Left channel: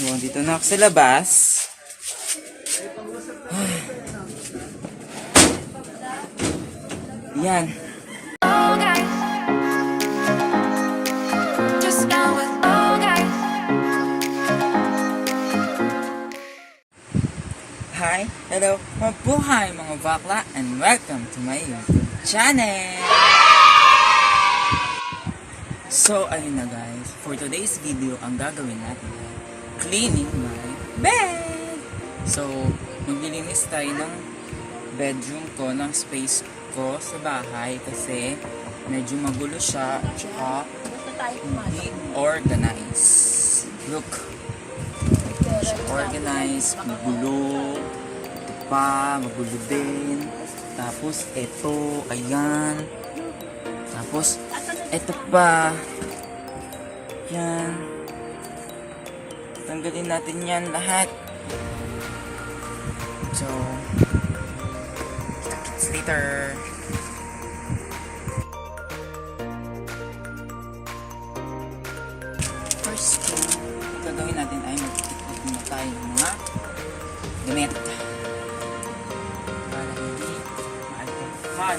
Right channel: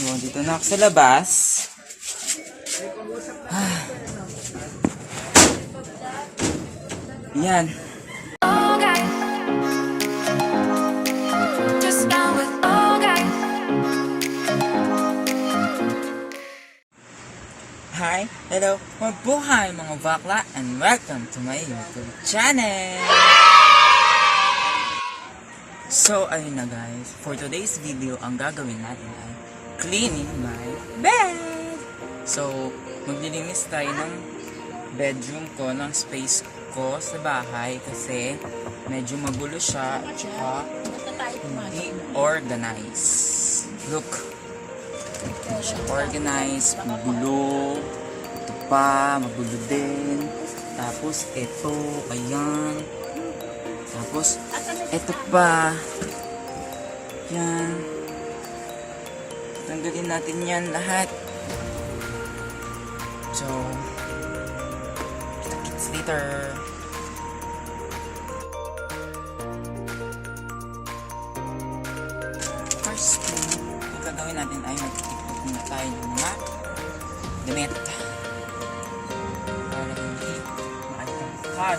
So, dito na ako sa labas. Yan. Hi, hello, mabuhay mga bakla, and welcome to my YouTube channel! So, ayun na guys, for today's video, ang gagawin natin ay cleaning my bed! So, maglilinis tayo ng bedroom ko, ng space ko sa bahay kasi medyo magulo siya at saka hindi organized. Look! So, organize, magulo, ito pa, magulo din, tapos ito, ayan, tapos ito pa, yan, tanggalin natin yan lahat. So, kita-kits later. First thing gagawin natin ay magtitikot muna tayo ng mga damit para hindi maagpapan.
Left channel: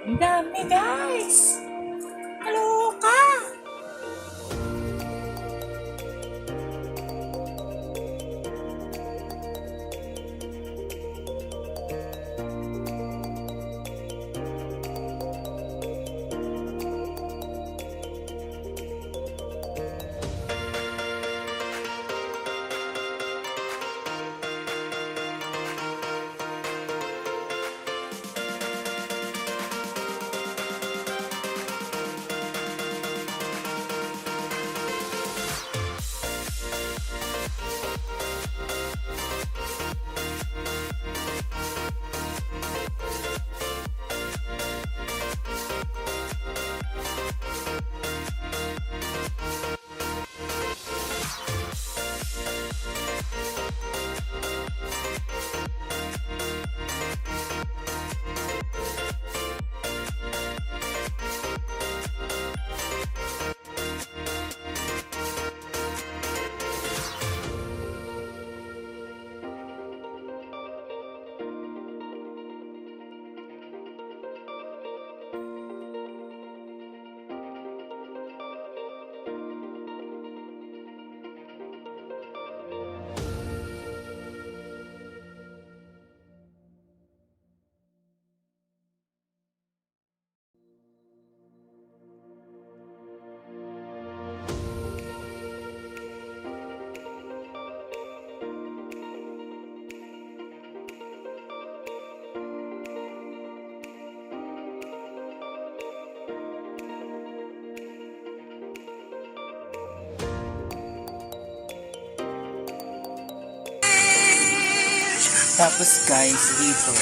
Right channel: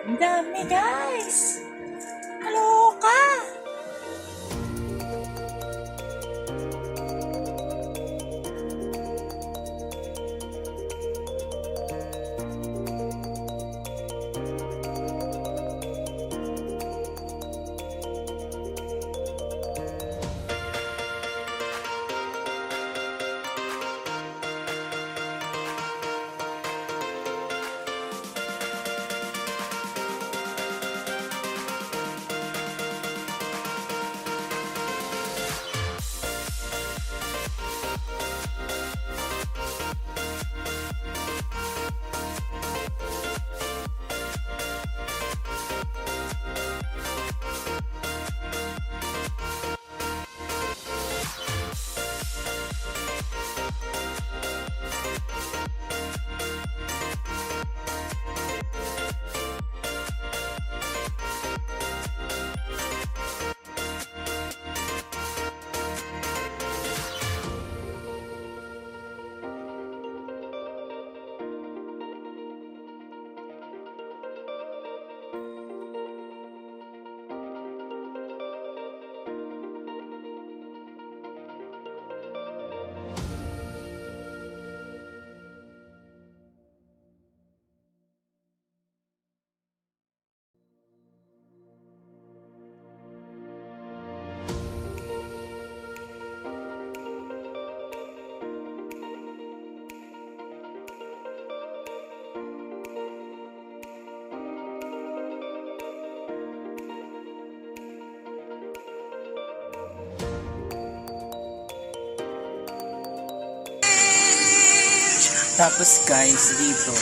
Ang dami guys! Kaloka! Tapos guys, dito,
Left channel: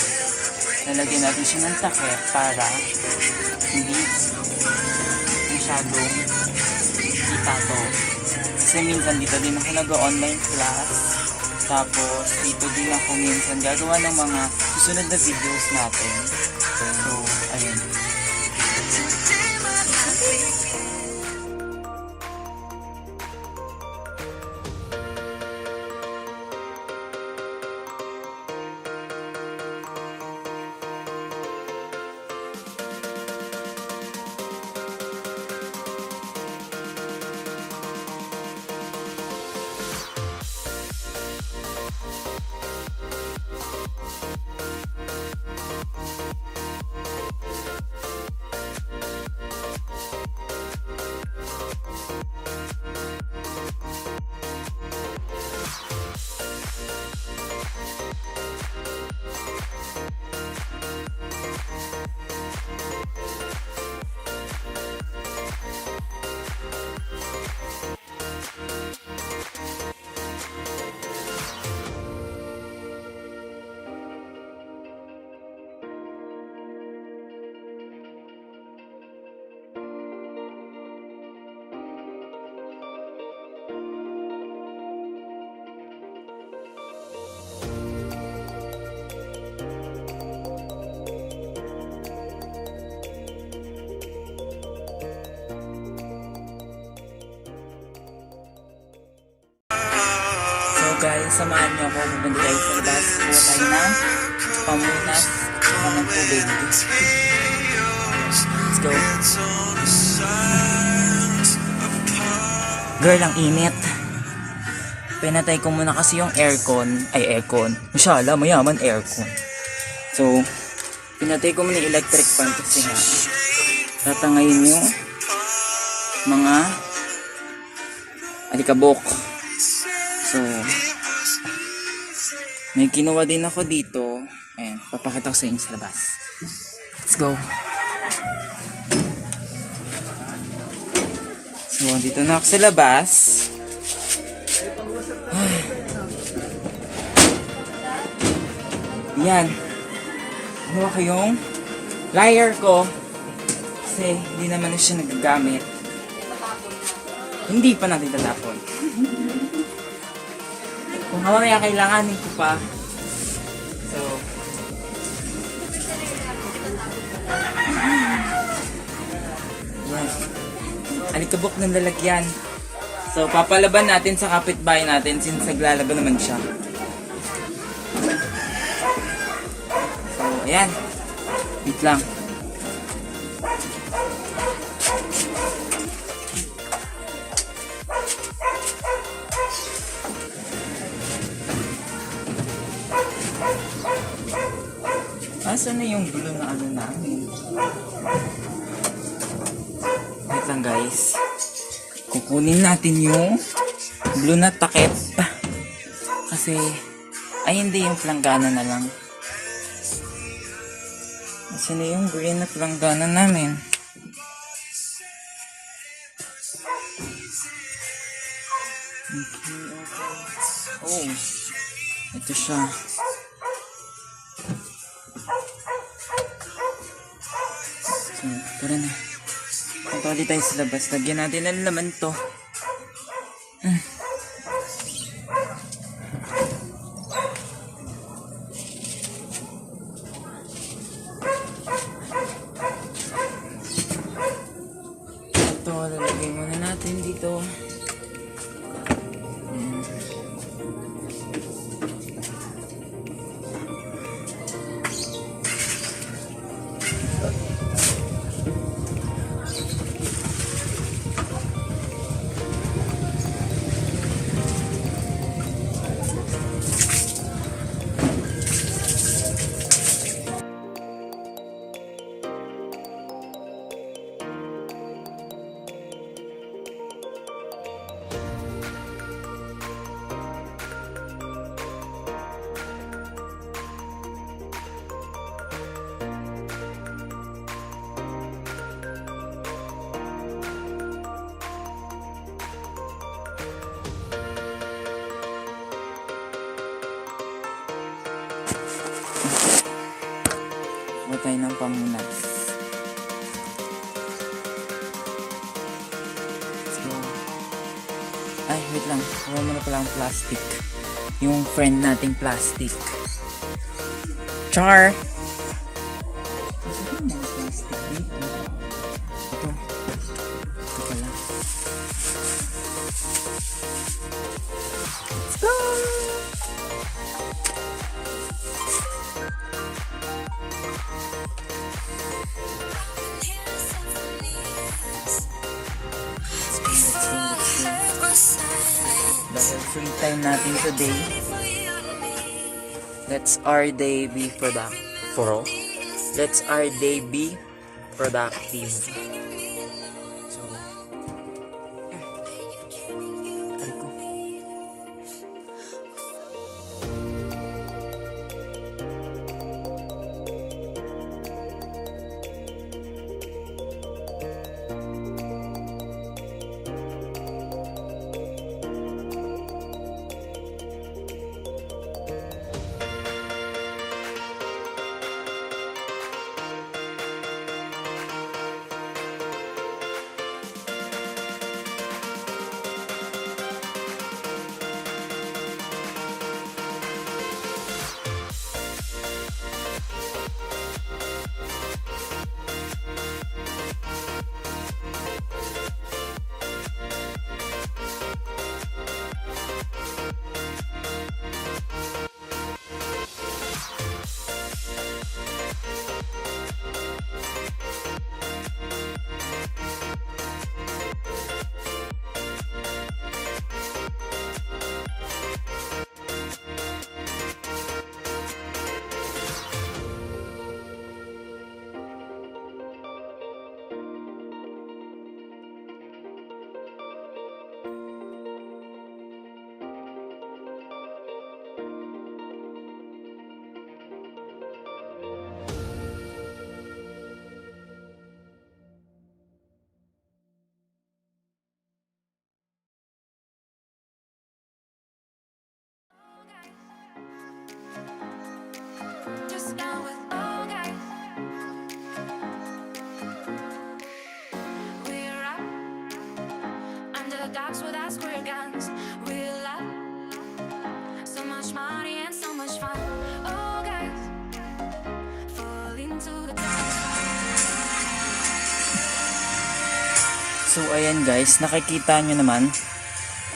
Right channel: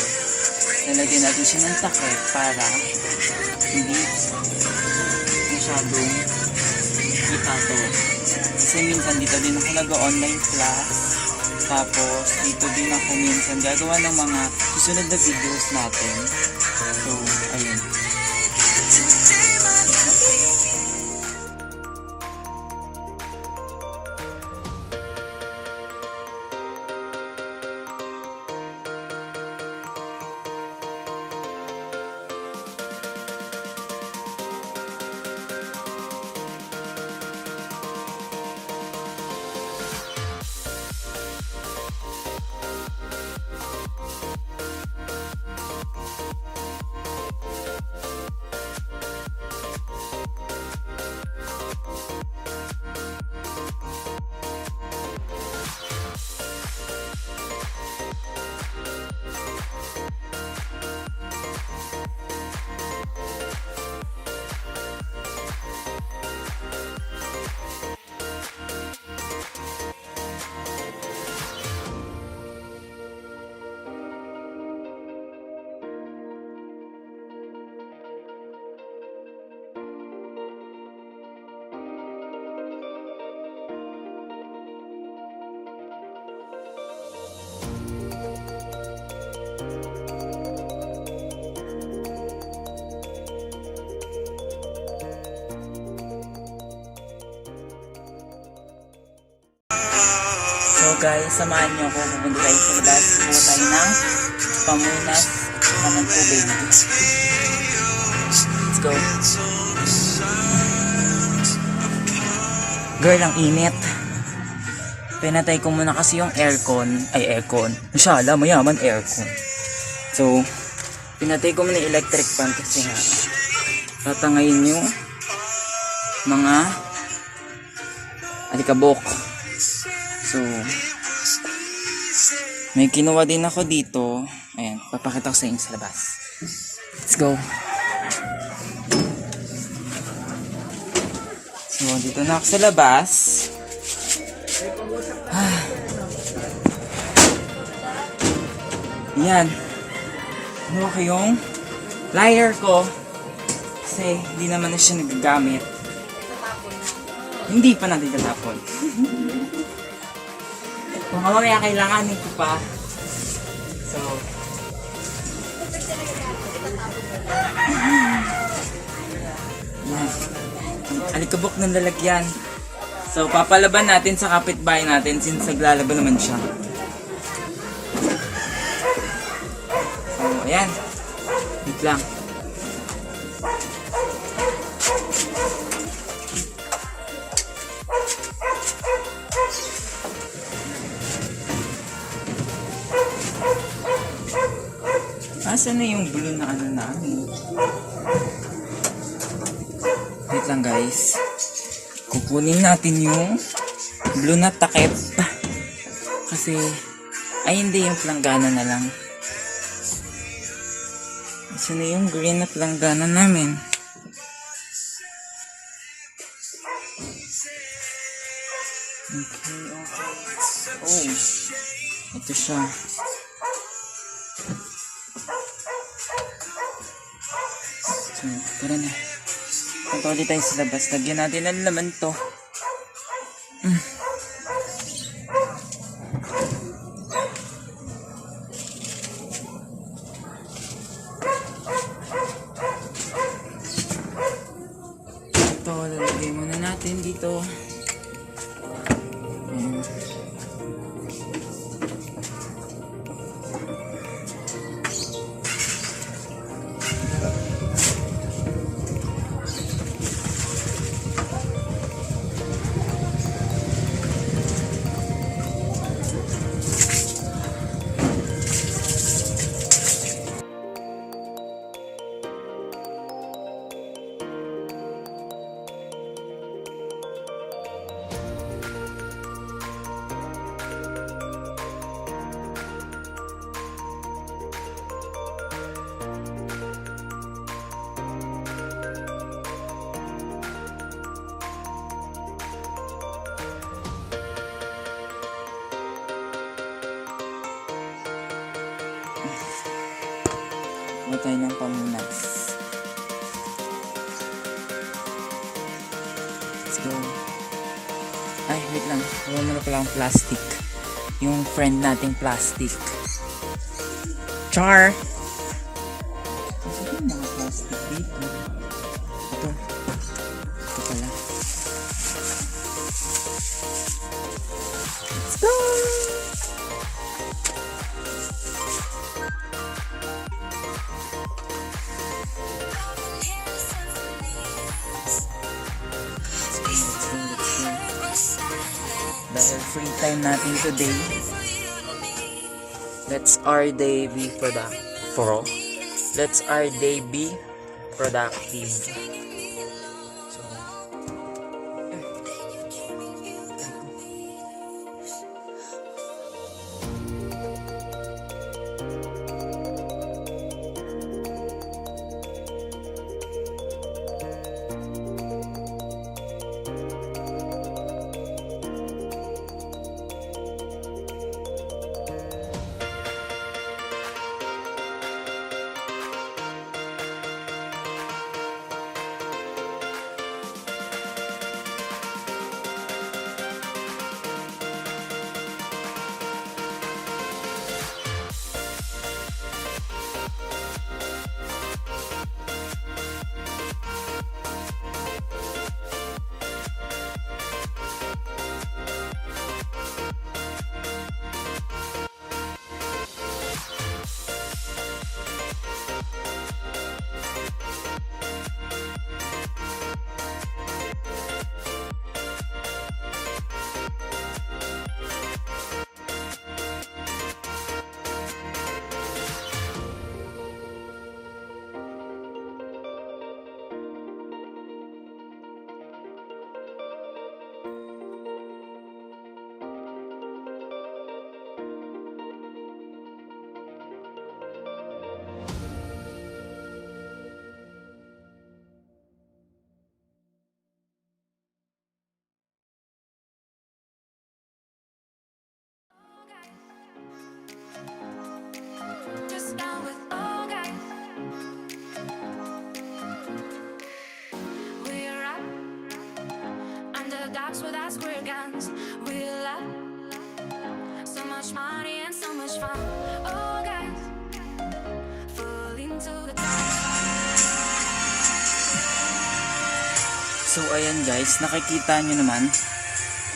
lalagyan natin siya ng takip para hindi masyadong itato. Kasi minsan dito din ako nag-online class. Tapos dito din ako minsan gagawa ng mga susunod na videos natin. So, ayun. guys, samahan niyo ako. Pupunta tayo sa labas. Kuha tayo ng pamunas ng tubig. Let's go. Girl, ang init. Pinatay ko muna kasi yung aircon. Masyala, mayaman aircon. So, pinatay ko muna yung electric fan kasi nga tatangayin yung mga alikabok. So, may kinuha din ako dito. Ayan, papakita ko sa inyo sa labas. Let's go. So, dito na ako sa labas. Yan. Ano ko yung lighter ko. Kasi hindi naman na siya nagagamit. Hindi pa natin tatapon. Kung mamaya kailanganin ko pa. So, yan. Alikabok ng lalagyan. So, papalaban natin sa kapitbahay natin since naglalaban naman siya. So, ayan. Wait lang. Asan na yung blue na ano namin? Wait lang guys. Kukunin natin yung blue na takip. Kasi, ay hindi yung planggana na lang. Asan na yung green na planggana namin? Okay. Oh, ito siya. So, tara na. Punta ulit tayo sa labas. Lagyan natin ang laman to. Ito, lalagay muna natin dito. Huwag tayo ng pamunas. Let's go. Ay, wait lang. Huwag mo na pala ang plastic. Yung friend nating plastic. Char! Kasi yung mga plastic dito. Ito. Ito pala. Let's go! Dahil free time natin today, let's our day be productive. So, the docks with our square guns. We'll have so much money and so much fun. Oh guys, fall into the dark side. So ayan guys, nakikita nyo naman,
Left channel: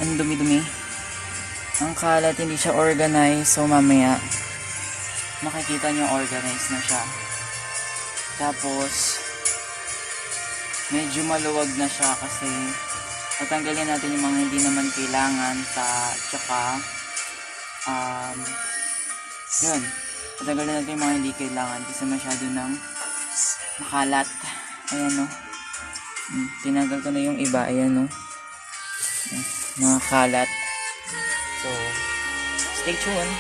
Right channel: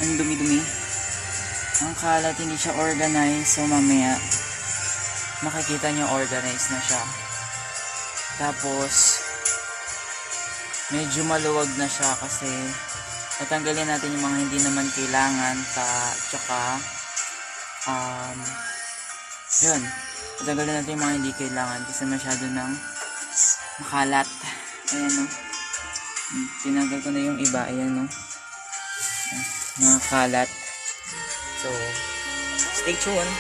ang dumi-dumi. Ang kalat, hindi siya organized. So mamaya, makikita nyo organized na siya. Tapos, medyo maluwag na siya kasi tatanggalin natin yung mga hindi naman kailangan. Tsaka, yun. Tatanggalin natin yung mga hindi kailangan kasi masyado nang makalat. Ayan o. Tinanggal ko na yung iba. Ayan o. Mga kalat. So, stay tuned.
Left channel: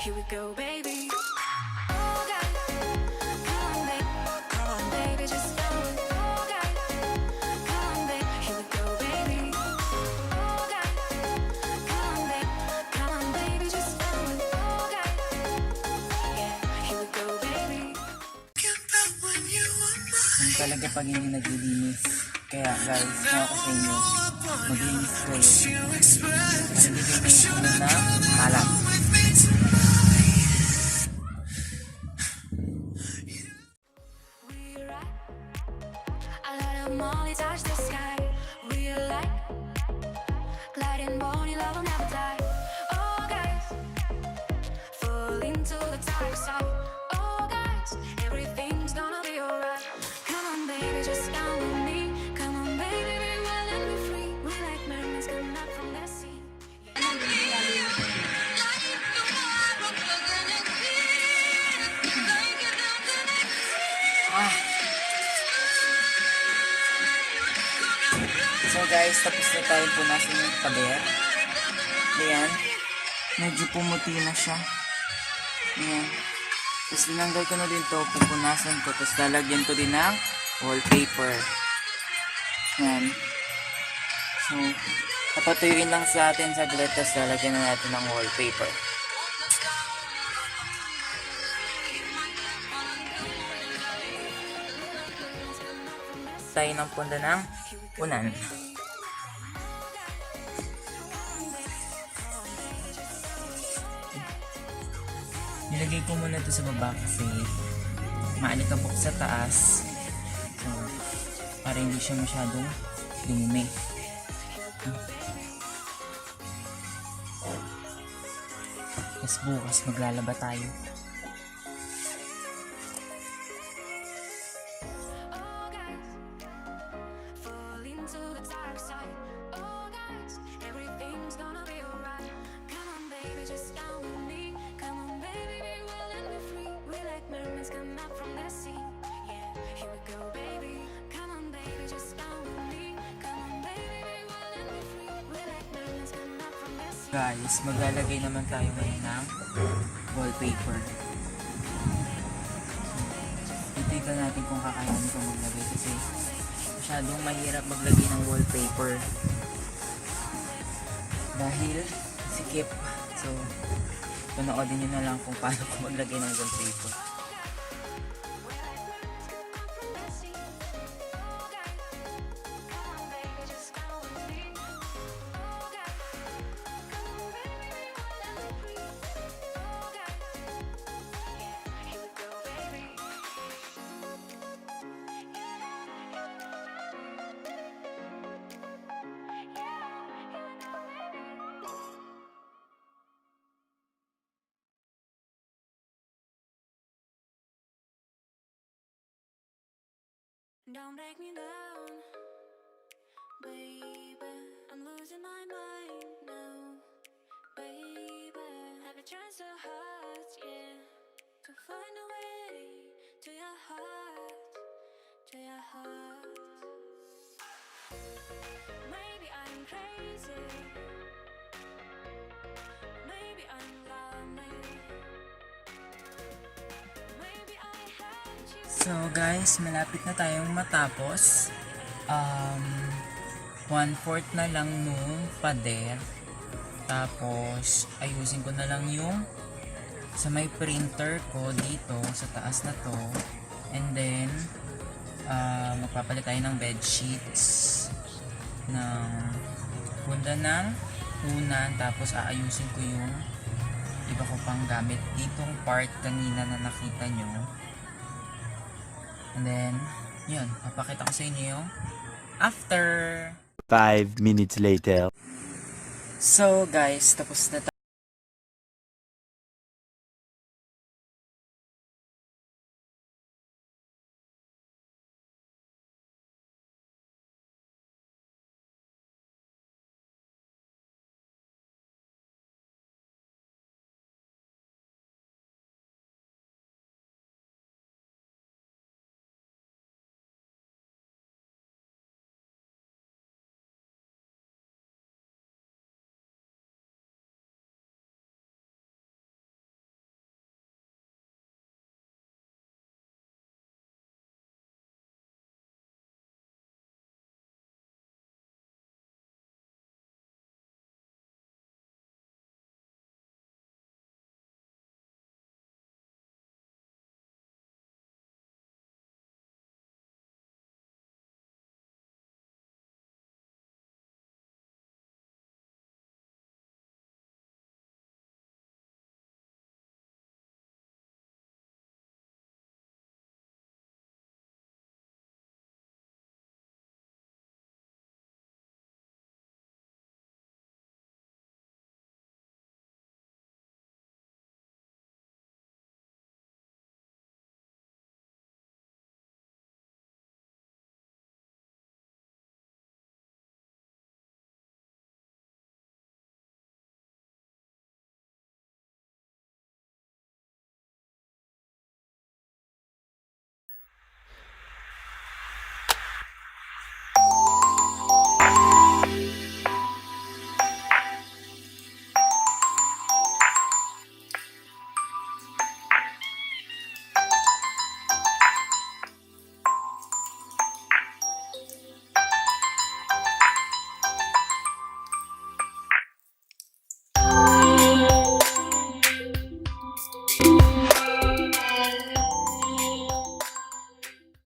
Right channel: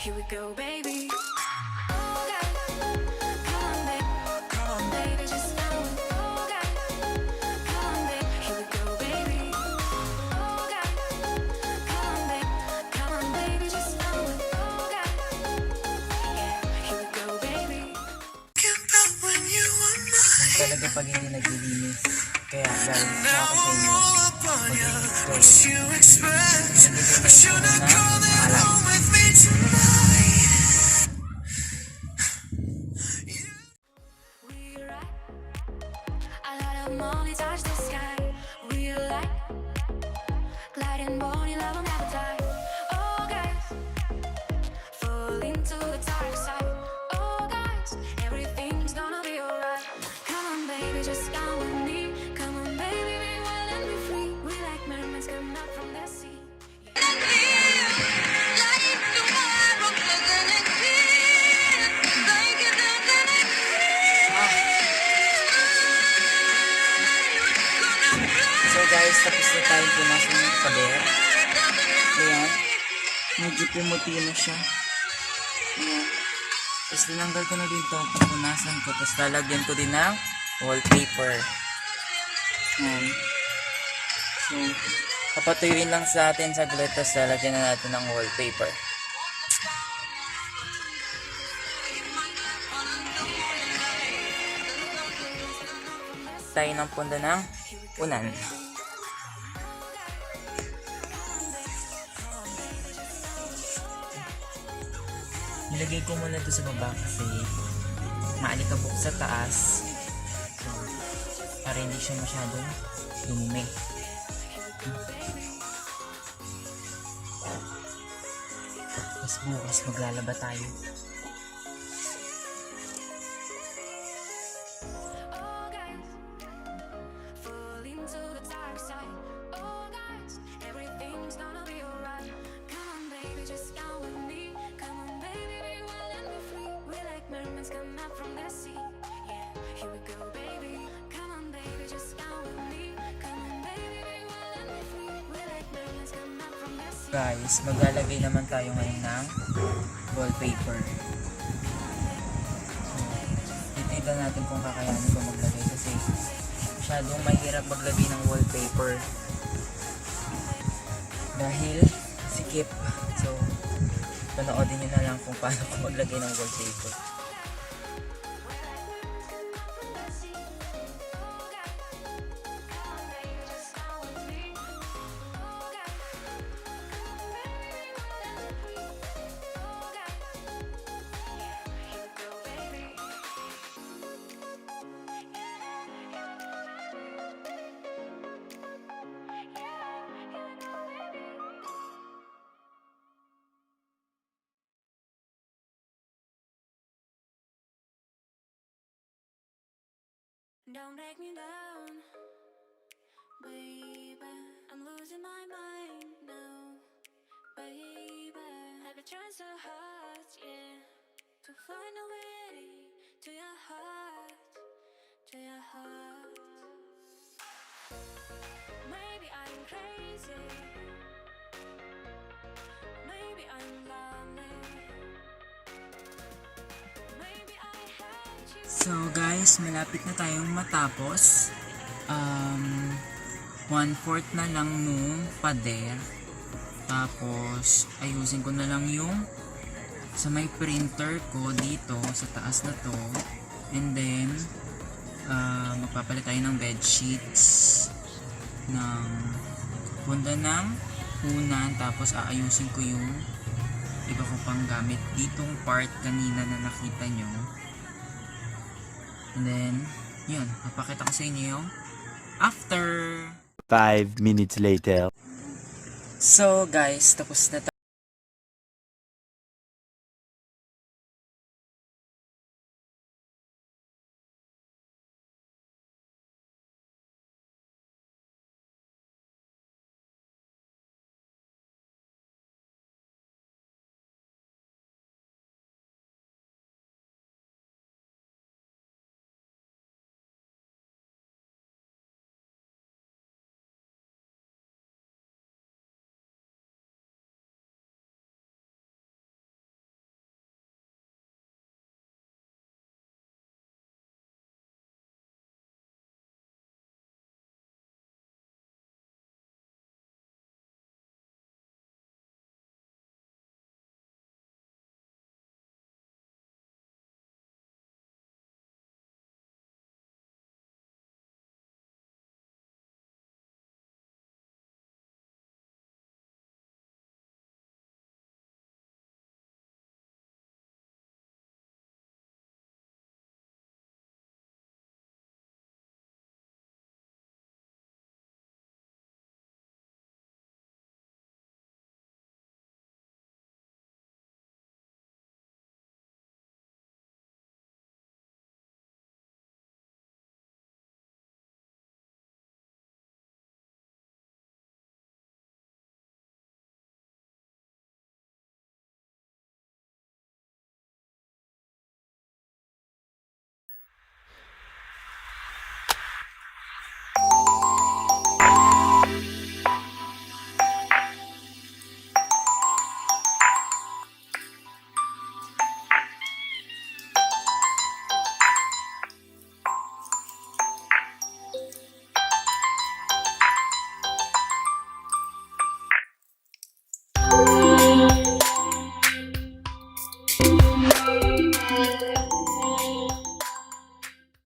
Here we go, baby. Oh, guys, come on, baby. Come on, baby, just go. Oh, guys, come on, baby. Here we go, baby. Oh, guys, come on, baby. Come on, baby, just go. Oh, guys, yeah. Here we go, baby. Talaga pag hindi naglilinis. Kaya guys, kaya ako sa inyo, maglinis kayo. Nagbibigay na ng alam. Money touch the sky. We like gliding, bony love will never die. Oh guys, fall into the dark side. Oh guys, everything's gonna be alright. Come on, baby, just come with me. Come on, baby, be wild and be free. We like mermaids come up from the sea. So guys, tapos na tayong punasan yung pader. Ayan. Medyo pumuti na siya. Ayan. Tapos tinanggal ko na din to. Pupunasan ko. Tapos lalagyan ko din ng wallpaper. Ayan. So, papatuyuin lang sa atin saglit. Tapos lalagyan na natin ng wallpaper. Tayo ng punta ng unan. Nilagay ko muna ito sa baba kasi maalikabok sa taas. So, para hindi siya masyadong dumi. Tapos bukas maglalaba tayo. Guys, maglalagay naman tayo ngayon ng wallpaper. Titignan natin kung kakayanin ko maglagay kasi masyadong mahirap maglagay ng wallpaper dahil sikip. So, panoodin nyo na lang kung paano ko maglagay ng wallpaper. Don't break me down, baby. I'm losing my mind now, baby. Have you tried so hard, yeah, to find a way to your heart, to your heart. Maybe I'm crazy, maybe I'm lonely. So guys, malapit na tayong matapos. 1/4 na lang nung pader. Tapos, ayusin ko na lang yung sa may printer ko dito sa taas na to. And then, magpapalit tayo ng bed sheets ng bunda ng unan. Tapos, aayusin ko yung iba ko pang gamit ditong part kanina na nakita nyo. And then, yun. Papakita ko sa inyo yung after. 5 minutes later. So guys, tapos na